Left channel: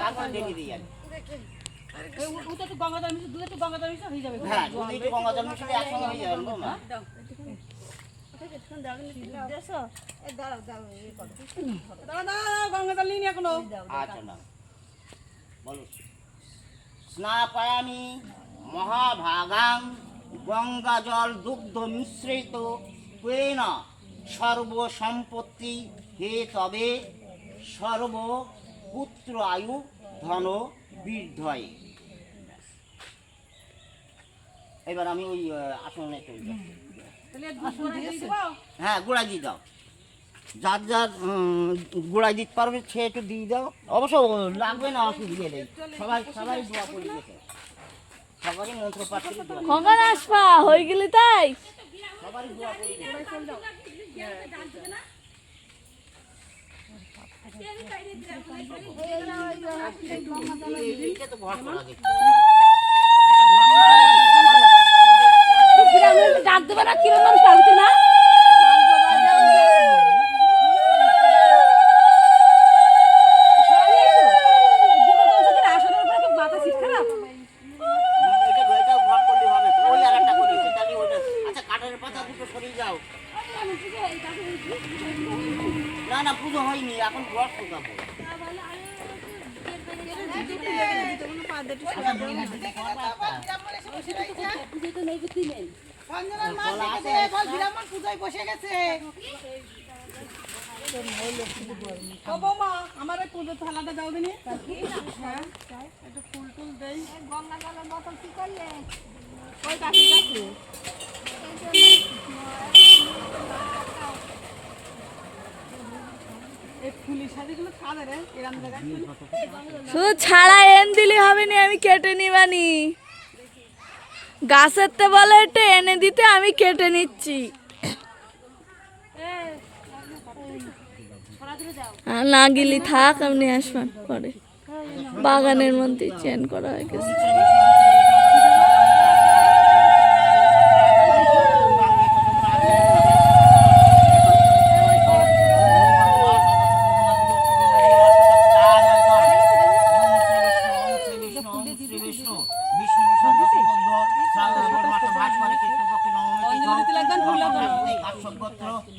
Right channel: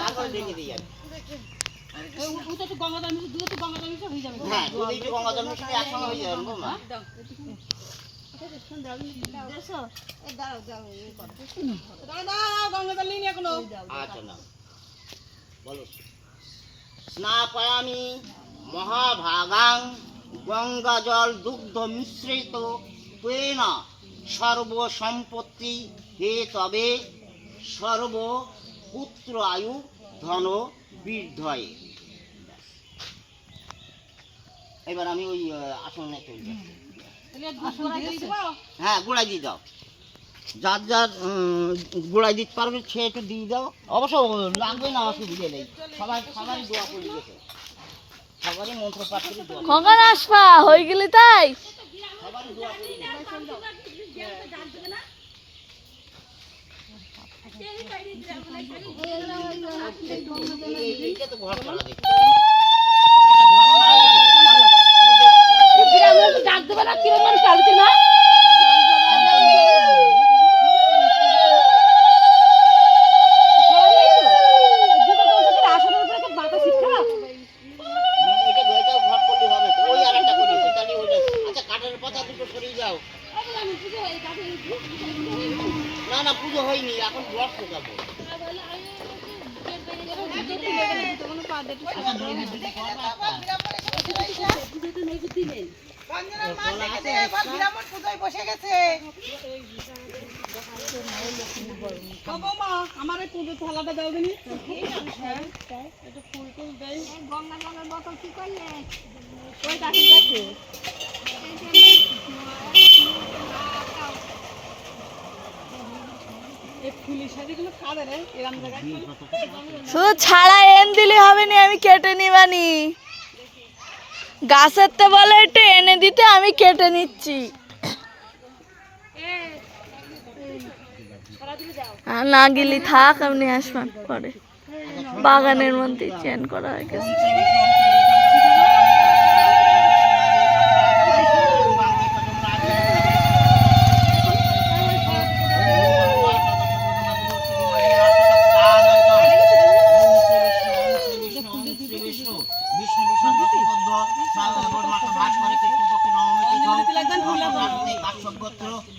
তারপরে দেখে দিই আমি। ওটা তো গঙ্গাধর মিশন, দুধে তো গঙ্গাধর মিশন হয়ে যাবে। হ্যাঁ দুধ একটু গঙ্গাধর মিশন একসঙ্গে হয়ে যাবে বৌমা। গঙ্গাধর লিনি এখনো। আচ্ছা না বলো। স্নাপায়ামি মহাভাগাং গঙ্গা জল দুগ্ধ মিশ্রিত তেন সর্বসম্পত্তি হে তবে সর্বপুত্র আয়ু ধন বৃদ্ধয়ে। এবার আমি ওই আসনে চলে যাই। হ্যাঁ গোড়াই দিয়ে দাও, যার যার গোড়াই দিতে পারবে সে একটু দিয়ে দাও। অবশ্য লাগবে না আমাকে দিয়ে দেয়, সবারই দোয়া করে দিয়েছে, সবারই মন্ত্র পাঠ করে দোয়া, কখন আসবা হয়ে গেলি তাই? সবারই দোয়া করে দিয়েছে। এইটা তো ঘর করা দেখি, ডাক দেবে না কিরম মানুষ পাবি না? না না পুজো হয়নি, এখন ঘর ঢোকাবো। আমার এই পুজো থালাটা দাও দিনি, একটু ফুল টুল দেই। শুধু ছাড়া এনে দিলে হবে না, আমি কেটে নিবানি। গাছের তে বলে একটু এনে দিতে, আমি কেটে নিচ্ছি। না গেলি থাক, আপনি আসবেন পরে। বাগানের মধ্যে চেন করা হয়ে গেছে।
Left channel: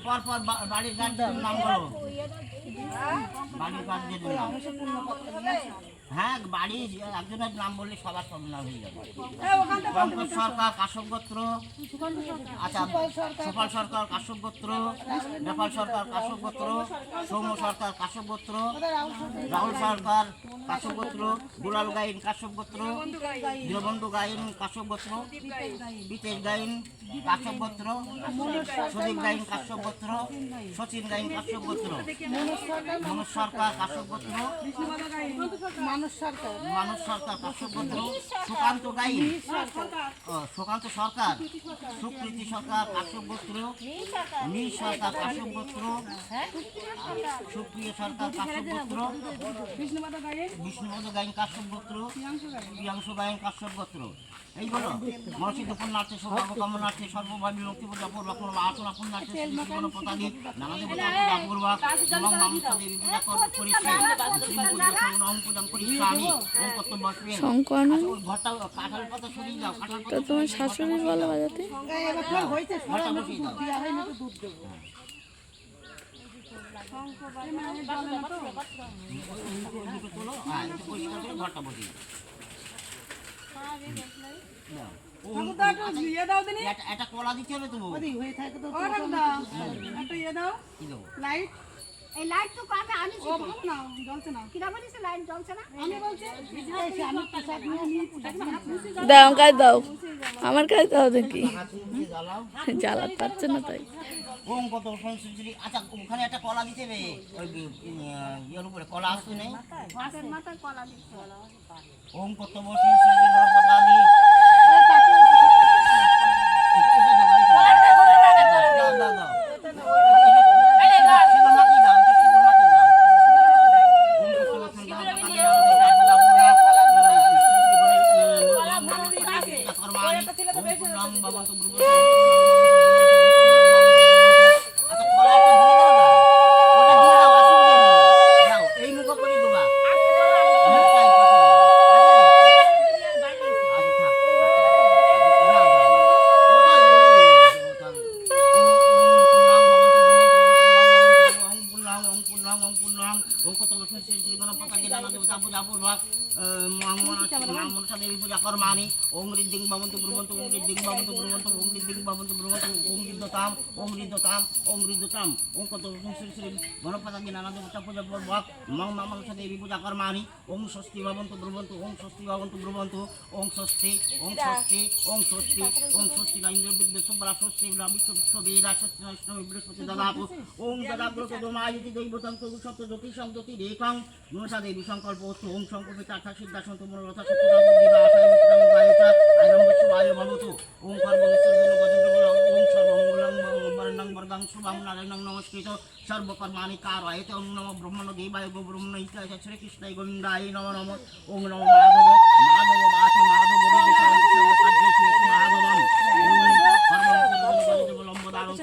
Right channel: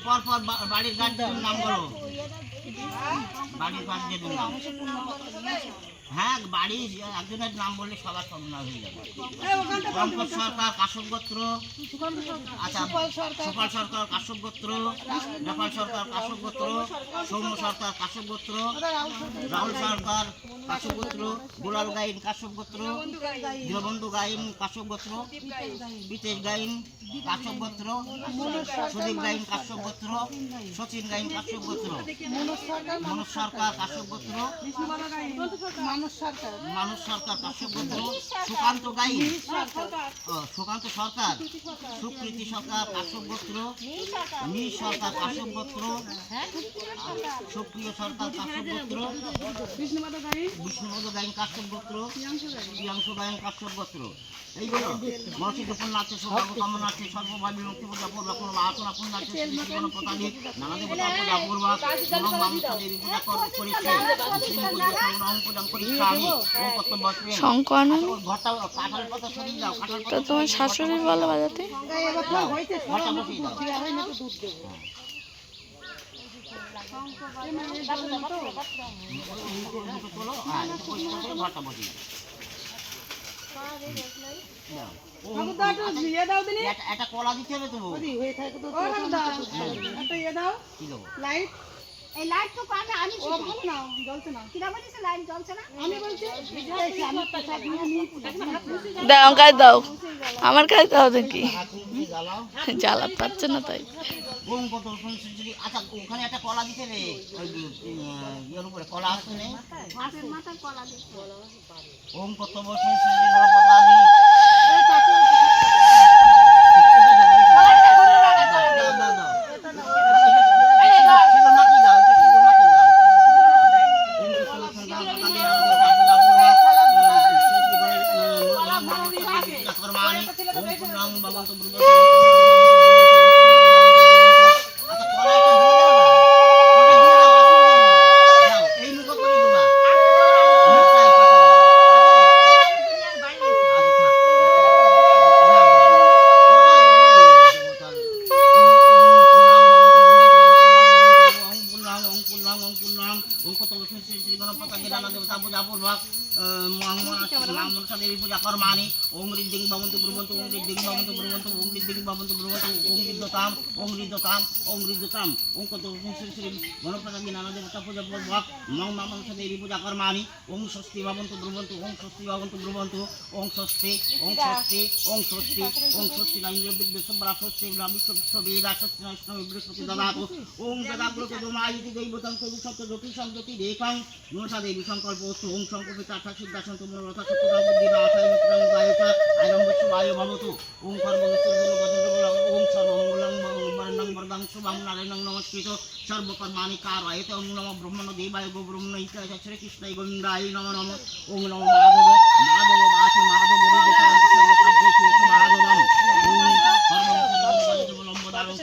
পরপর বাড়ির গার্জেনের নাম বলো, বাড়ির গার্জেনের নাম। হ্যাঁ বাড়ির একজনের নাম বললে সবার সব নাম হয়ে যাবে। পঙ্কজ সরকার কাশ্যপ গোত্র, আচ্ছা সুপাল সরকার কাশ্যপ গোত্র, নেপাল সরকার কাশ্যপ গোত্র, সৌম্য সরকার কাশ্যপ গোত্র, রাহুল সরকার কাশ্যপ গোত্র, দুলাল গাইন কাশ্যপ গোত্র, দীনবন্ধু গাইন কাশ্যপ গোত্র, বিতেশ গাইন কাশ্যপ গোত্র, সুদীপ গাইন কাশ্যপ গোত্র, সচিন গাইন কাশ্যপ গোত্র, মনোজ সরকার কাশ্যপ গোত্র, মানস সরকার কাশ্যপ গোত্র, সুকান্ত গাইন সুকান্ত সরকার, সুকৃতি সরকার কাশ্যপ গোত্র, নীল সরকার কাশ্যপ গোত্র, সুপ্রিয় সরকার কাশ্যপ গোত্র, বিষ্ণুপদ গাইন কাশ্যপ গোত্র, প্রিয়াংশু গাইন কাশ্যপ গোত্র। এইগুলো মনসী গোপন নাচে সৌভাগ্য কাম নাচে সর্বভাই বিরক্তি পূজা পূর্বক কোনো আচনা কোন নাচে জীবন প্রতানি নানা দেবতা পূজা পূর্বক নম মামুষাদের পূজা করিছে পূজা করিছে আমি ওম কর্তব্য বসবে ঘরটা কাঁঠাল পাতা সরিয়ে দাও, কাঁঠাল পাতা তোমার শাশুড়ি বলে বাজাতে ঘরটা বসিয়ে দাও। ঘরটা বসিয়ে একটা কলা দিতে হবে তো দাও কাজ দাও, আমার কাজ দাও দেখি জ্বালাতে পারছে না তাই। আচ্ছা ওখানে একটা কলা দিতে হবে, ইয়ের উপরে কলা আসছে নেই। ওম কত বছর শ্রী গণপতা দেবানা দেবতা পূজা পূর্বক মা মনসা দেবী পূজা কর্মাণি ওং ঋদ্ধিং ভবন্তু ব্রুবন্তু ওং ঋদ্ধিং ভবন্তু ব্রুবন্তু ওং ঋদ্ধিং ভবন্তু ব্রুবন্তু ওং ঋদ্ধতাম ওং ঋদ্ধতাম ওং ঋদ্ধতাম ওং কত শ্রী শ্রী গণপতা দেবানা দেবতা পূজা পূর্বক মা মনসা দেবী পূজা কর্মাণি ওং স্বস্তি ভবন্তু ব্রুবন্তু ওং স্বস্তি ভবন্তু ব্রুবন্তু ওং স্বস্তি ওং স্বস্তি ওং স্বস্তি ওং স্বস্তি না ইন্দ্র বিদ্যুৎ সব্রা স্বস্তি বিশ্ব বেদা স্বস্তি না ইষ্ণ বৃহস্পতি দদাতু ওং যদাগ্রত দমায়িতি দৈবতং কবি সপ্ত জ্যোতি সংজ্যোতি রেখং মনসা দেবী সংকল্প ওং সংকল্পিত আঠা সিদ্ধাসন্ত মনোরথ সত্যদা বুদ্ধিদা আশায় মিত্রং গায়িতা আয়রং বিশ্ববায় ভবতু ওং সর্বমঙ্গল ভজনবল ওং সর্বমঙ্গলং বরণং বরদাং শুভং নারায়ণং নমস্কৃত সর্বকর্মাণি কারয়তে ওং নমঃ ব্রহ্মণ দেবায় গো ব্রহ্মণ ইত্যাদি শ্রীকৃষ্ণায় গোবিন্দায় নমঃ নমঃ ওং নমঃ মাধব মাধব বাসু মাধব হরিবিচরণ সর্বকার্যেষু মাধবম ওং সর্বমঙ্গল লম্বদারং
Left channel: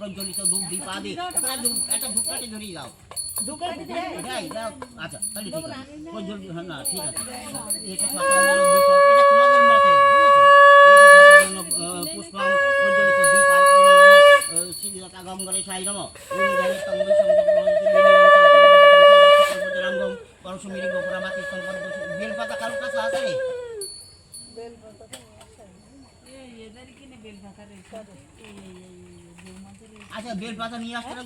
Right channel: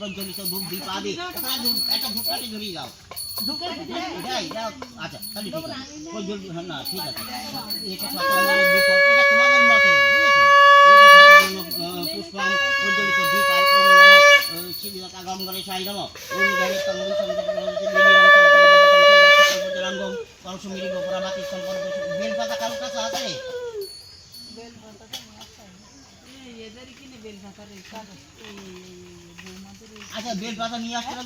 প্রজ্বলিত ধূপ দীপ আদি একটা ধূপটাকে ধরিয়ে দাও আচ্ছা তাহলে ঠিক আছে প্রজ্বলিত না ঠিক আছে এটা তোমাদের মতে পুষ্পাং প্রজ্বলিত দীপ আই শ্রীদাতা গঙ্গরে সাই নম ওম জয় তঙ্গি সংযম পরশুমিরি গোপুরাবাতি সম্পন্ন বেলপাতা কারো কাছে আছে আচ্ছা বেলপাতা নিয়ে আসতে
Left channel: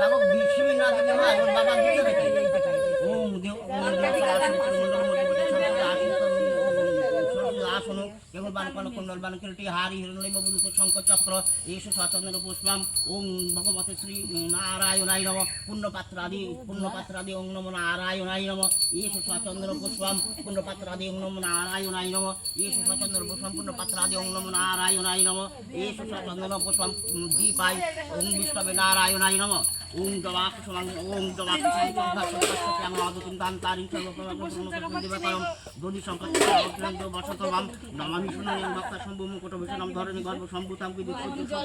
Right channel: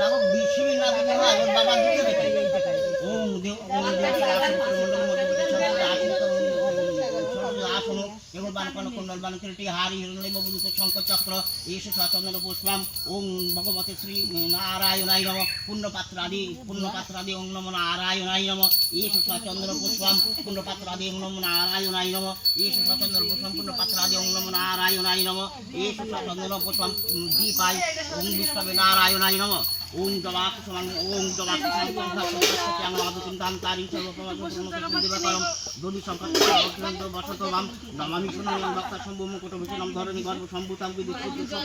লাগো শিবির না দিলে বাবা দিতে দেখে ওম দেব আসন কেবল বানকন কুণ্ডল বানকৃতি হারি হিরণ্য ববুক শঙ্কর চক্র এসে সচন্দন পুষ্পাম ওং ভগবতে শ্রী নারায়ণায় নমঃ পুণ্যপাত্রাদি ওং নমো নারায়ণায় নমঃ এসে সচন্দন পুষ্পাম পুণ্যপাত্রাদি ওং নমো নারায়ণায় নমঃ এসে সচন্দন পুষ্পাম পুণ্যপাত্রাদি ওং নমো নারায়ণায় নমঃ এসে সচন্দন পুষ্পাম দীপায় ওং বিষ্ণবে নারায়ণায় নমঃ ওং জবাকুসুমাং ওং জবাকুসুমাং মাধুচিন্তান্তারিং সর্বপ্রকারম দধি সম্পর্ক বসতবাম নমামি পুণ্যং ভক্তা শম্ভু মুকুটভূষণম ধরণী গর্ভ সম্ভূতাম বিদুঃসংগম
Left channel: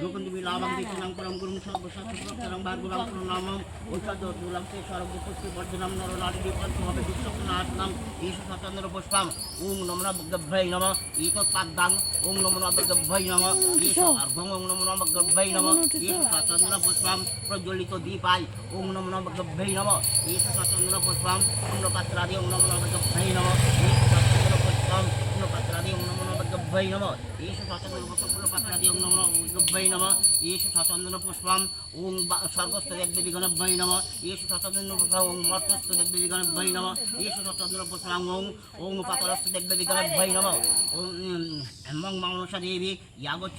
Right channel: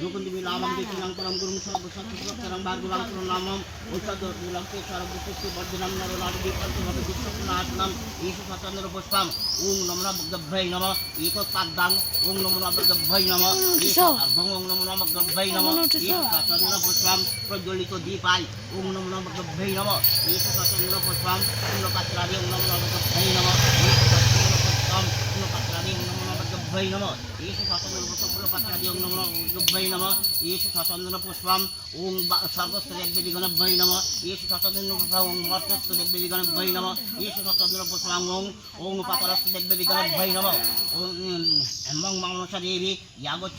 লোকন্দিবি লাভং দিচ্ছিলাম গুরুং সর্বশক্তিরম ভার্গুলাম প্রণামম ঔষধুলাম কেশরম পুষ্টি বর্ধনম নরলাদিনাশনাম ঈশ সচন্দ্র পুষ্পাম ওং নমঃ গভ্যৈ নমঃ ইতৎপাদ্দাং ওং নমঃ গভ্যৈ নমঃ অর্ধং ওং নমঃ গভ্যৈ নমঃ সচন্দ্র পুষ্পাম প্রজ্বলিত দীপাই ওং নমঃ গভ্যৈ নমঃ ঈশ সচন্দ্র পুষ্পাম পুণ্যপাত্রাদি ওং নমঃ গভ্যৈ নমঃ ঈশ সচন্দ্র পুষ্পাম পুণ্যপাত্রাদি ওং নমঃ গভ্যৈ নমঃ ঈশ সচন্দ্র পুষ্পাত্রাদি ওং নমঃ গভ্যৈ নমঃ ঈশ সচন্দ্র পুষ্পাম ওং স্বর্গস্থ দেবদেবীগণভ্যৈ নমঃ ঈশ সচন্দ্র পুষ্পাম ওং মর্তস্থ দেবদেবীগণভ্যৈ নমঃ ঈশ সচন্দ্র পুষ্পাম ওং পাতালস্থ দেবদেবীগণভ্যৈ নমঃ ওং মং মনসা দেবী ইয়াগচ্ছ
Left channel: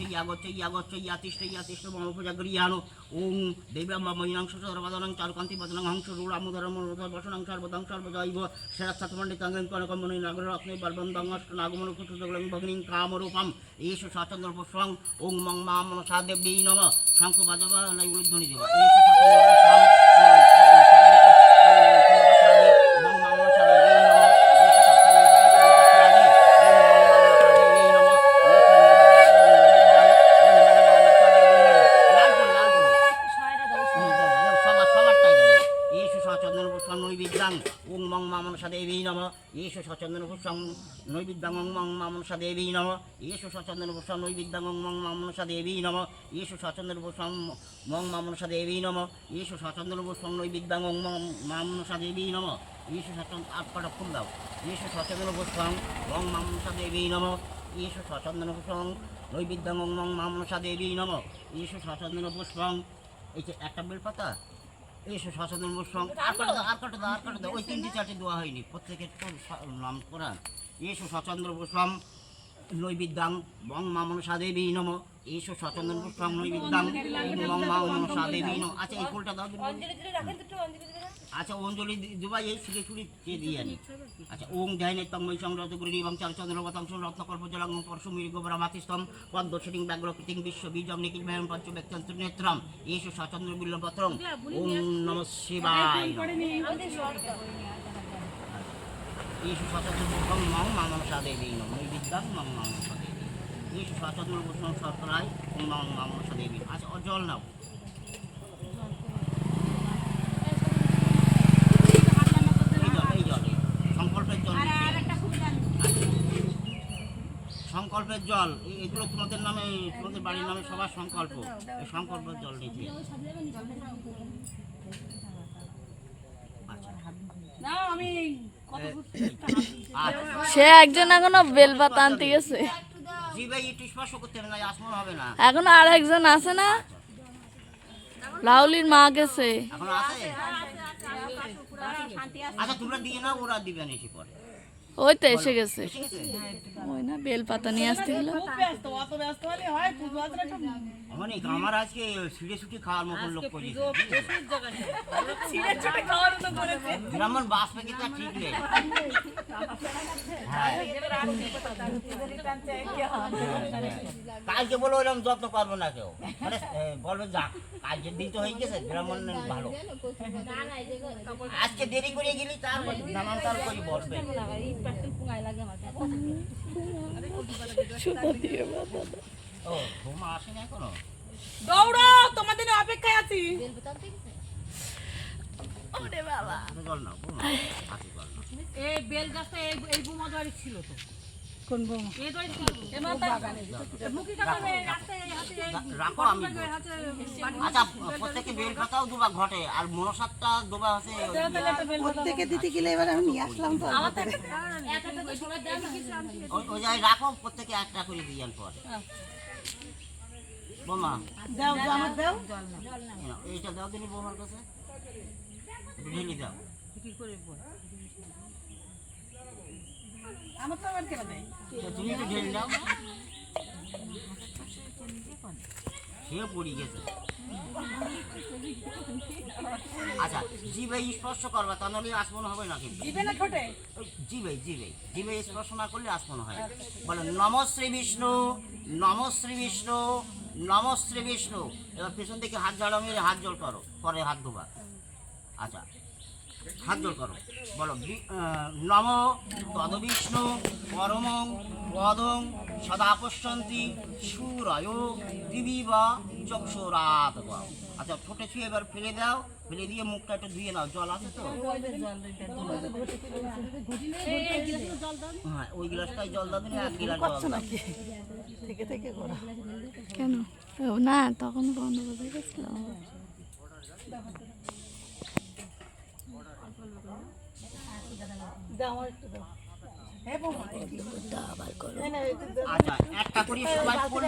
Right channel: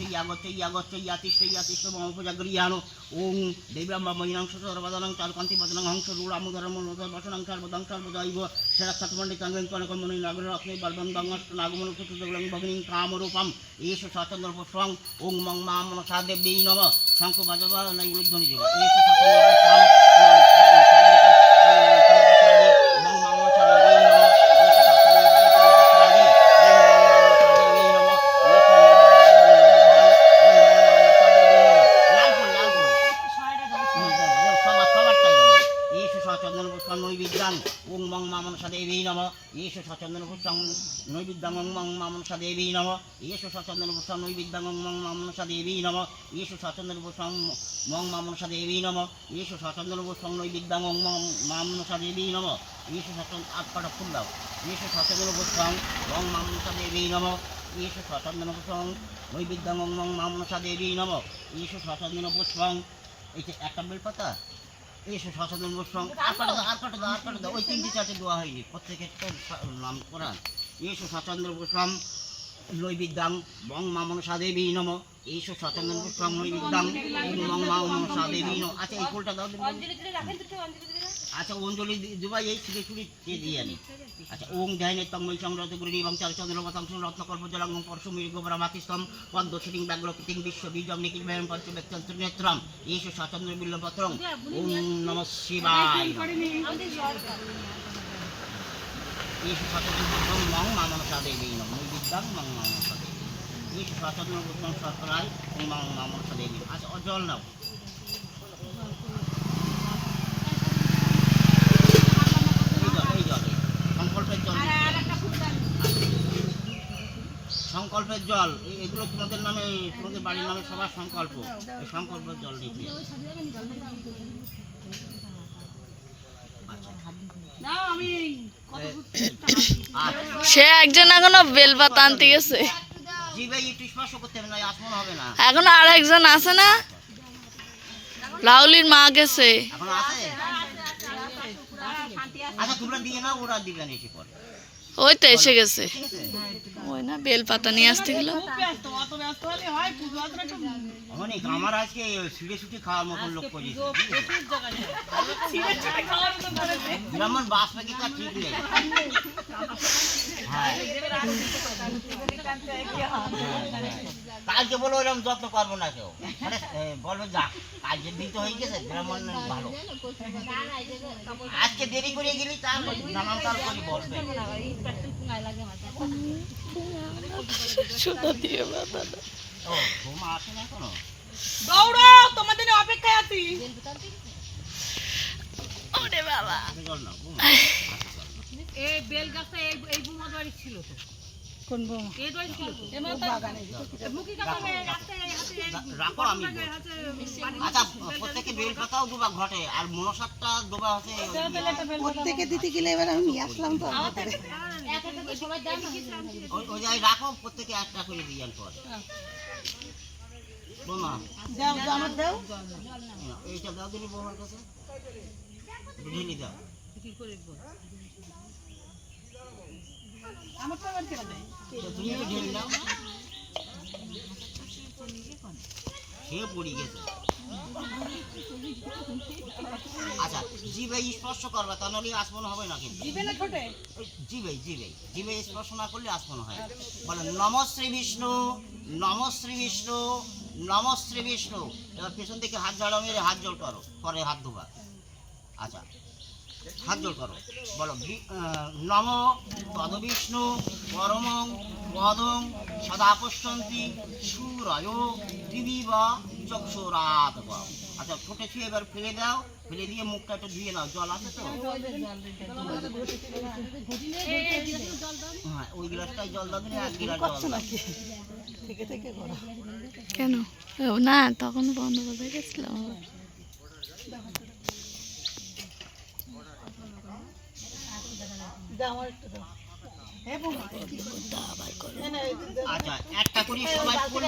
মম পূজা গৃহাণু ওং দেব্রাহ্মণং সর্বদানং চারুকান্তি বদনং হংস রূঢ়ামুধরম বসনং সর্বদং সর্বদৈব সেরাক্ষপণ্ডিতাঙ্গন কনকমণি নগররত্নে বর্বন্দং অষ্টনাগমন কুতুতগলং ভগিনীং কামরূপম এষ সচন্দ্র পুষ্পং ওং মং মা মনসা দেবী নমঃ শঙ্খ বাজবা নৈবেদ্যনি দেব এষ সচন্দ্র পুষ্পং ওং মং মা মনসা দেবী নমঃ ঈশ সচন্দন পুষ্পং নৈবেদ্যং ওং মং মা মনসা দেবী নমঃ ঈশ সচন্দন পুষ্পং নৈবেদ্যং ওং মং মা মনসা দেবী নমঃ ঈশ সচন্দন পুষ্পং মং মা মনসা দেবী নমঃ ঈশ সচন্দন পুষ্পং নৈবেদ্যং ওং মং মা মনসা দেবী নমঃ ঈশ সচন্দন আটপাটা ফুল দাও ঈশ সচন্দন পুষ্পং ওং মা মনসা দেবী নমঃ ঈশ সচন্দন পুষ্পং নৈবেদ্যং ওং মং মা মনসা দেবী নমঃ ঈশ সচন্দন পুষ্পং এই যে একটা বেলপাতা এইসব সচেতন পুষ্পং আর কাটা দাও ওই তিনটি চারটে দেওয়া হয়নি প্রত্যেকের নাম করান এইসব সচন্দ্র পুষ্পম নৈবেদ্যাং বং মা মনসা দেবী নমঃ এইসব সচন্দ্র পুষ্পম নৈবেদ্যাং বং মা মনসা দেবী নমঃ আচ্ছা এই ফুলটা দাও আচ্ছা অঞ্জলি দুবাই এই শিখে চুরি দিয়ে আনি আচ্ছা ওং ধ্যানে তন্ময় সংরত গুরি এবং চারচন্দ্রবতাং রত্নকল্প জলাং পরশুমির গোবরা মাতিস্তম পদ্মশ্রীং ব্যাঘ্রকৃতিং বিশ্ব বীজং নিখিল ভয়ং পঞ্চব্যক্তন্ত্র নেত্রম এইসব সচন্দ্র বিল্লপত্রং ওং নমঃ শিবায় এইসব সচন্দ্র পুষ্পং মং মা মনসা দেবী নমঃ নৈবেদ্যাং মং মা মনসা দেবী এইসব সচন্দ্র পুষ্পং শর্করায় ওং মং মা মনসা দেবী আচ্ছা জল নাও সংকল্পের জল এগুলো তোমাদের নামে, তোমাদের বাড়ির নামে সবার সংকল্প, এই সংকল্পের জল দিতে। নাও আমি কত সে একজন এখনো বেলপাতা আনতে গেছে, জিভে একটু স্পর্শ করতে হবে না, আসমন হবে না। এখনো আর একজন আছে না, লাউলির মা গেছে। এখন আছে? আচ্ছা তোমরা দিয়ে না, ওরা দিবে না এসে পরে। ওই তো এসে গেছে, ঠিক আছে? ওই না বেলপাতা নিয়ে আসতে গেল। ব্যস্ত, অত ব্যস্ত হলে হয়? পুজো আসলে একটু অনেক আমার আজকে ছিঁড়ে ছুটি খাওয়ার মতন লোক করেছে। ব্রাহ্মণ বাস পাখি তা ঠিক নেই। হ্যাঁ কালকে বলো ওরকম যত্ন পারবো না কেউ, মানে বলবে যা কালকে দিন তো হয়ে গেছে, ব্রাহ্মণ ভালো। আজকে দেরি করে গেলি তার নানান কাল করি বসবে। সুতা দিয়ে বাঁধানো। ও ঘুমা আসে না এখনো? দৌড়াও, তোমাদের জন্য অপেক্ষায় আছি। ওরে বাবা, হাতে জল নাও, ঘুমা হাতে জল নাও। এই বেল গাছটা এই বুমা বাড়ি ছিল তো। কোন বুমা? এই বাড়ি ছিল তো। মুখি কাছে হাতে রাখো আমি বলছি। আচ্ছা প্রত্যেকে বেল পাতাও দুবা ঘটে, আর মনসারটা দুবা হচ্ছে প্রত্যেকে দিতে গেলে এবার আমি নিয়ে আসলাম তো ওই জায়গায় রাখো, প্রত্যেকে একটা করে দিয়েন পরে। বোমা দাও আমার দাও এই নাও, এইটা দাও দিনি বোমার কাছে, একটু ঢেলে দাও। আমার তো আবার কেন দেয়? তো তুমি একটু ঢেলে দাও। সে পড়ে গেছে। আচ্ছা জিভে স্পর্শ করবা, তা নাহলে আসমন হবে না কিন্তু। দিবে না ঠোঁটে? জিভে জিভে জিভে স্পর্শ না করলে আসমন হয়। বলে নম শ্রী বিষ্ণু, নম শ্রী বিষ্ণু, নম শ্রী বিষ্ণু। এবার পেছন থেকে হাত ঝাড়া মেরে হাত জল করো, পরে হাত ধোবা। আচ্ছা হাত জল করো, বলো নম তদ বিষ্ণু পরমং পদং সদা পশ্যন্তি সুরয় দিবি বা চক্ষুরাত। আচ্ছা ঠোঁটে ছুঁয়ে এবার ফেলে দাও, ফেলে দিয়ে মুখটা একটু ধুয়ে নাও, জল আছে তো? হ্যাঁ ওই গ্লাসটাই জল দাও দিলে, এক গ্লাস জল দাও। থেকে থেকে করো কেন? ও না, তখন বন্ধ করে গেছিলাম। দাও আমার একটু দাও আচ্ছা একটা করে সবাই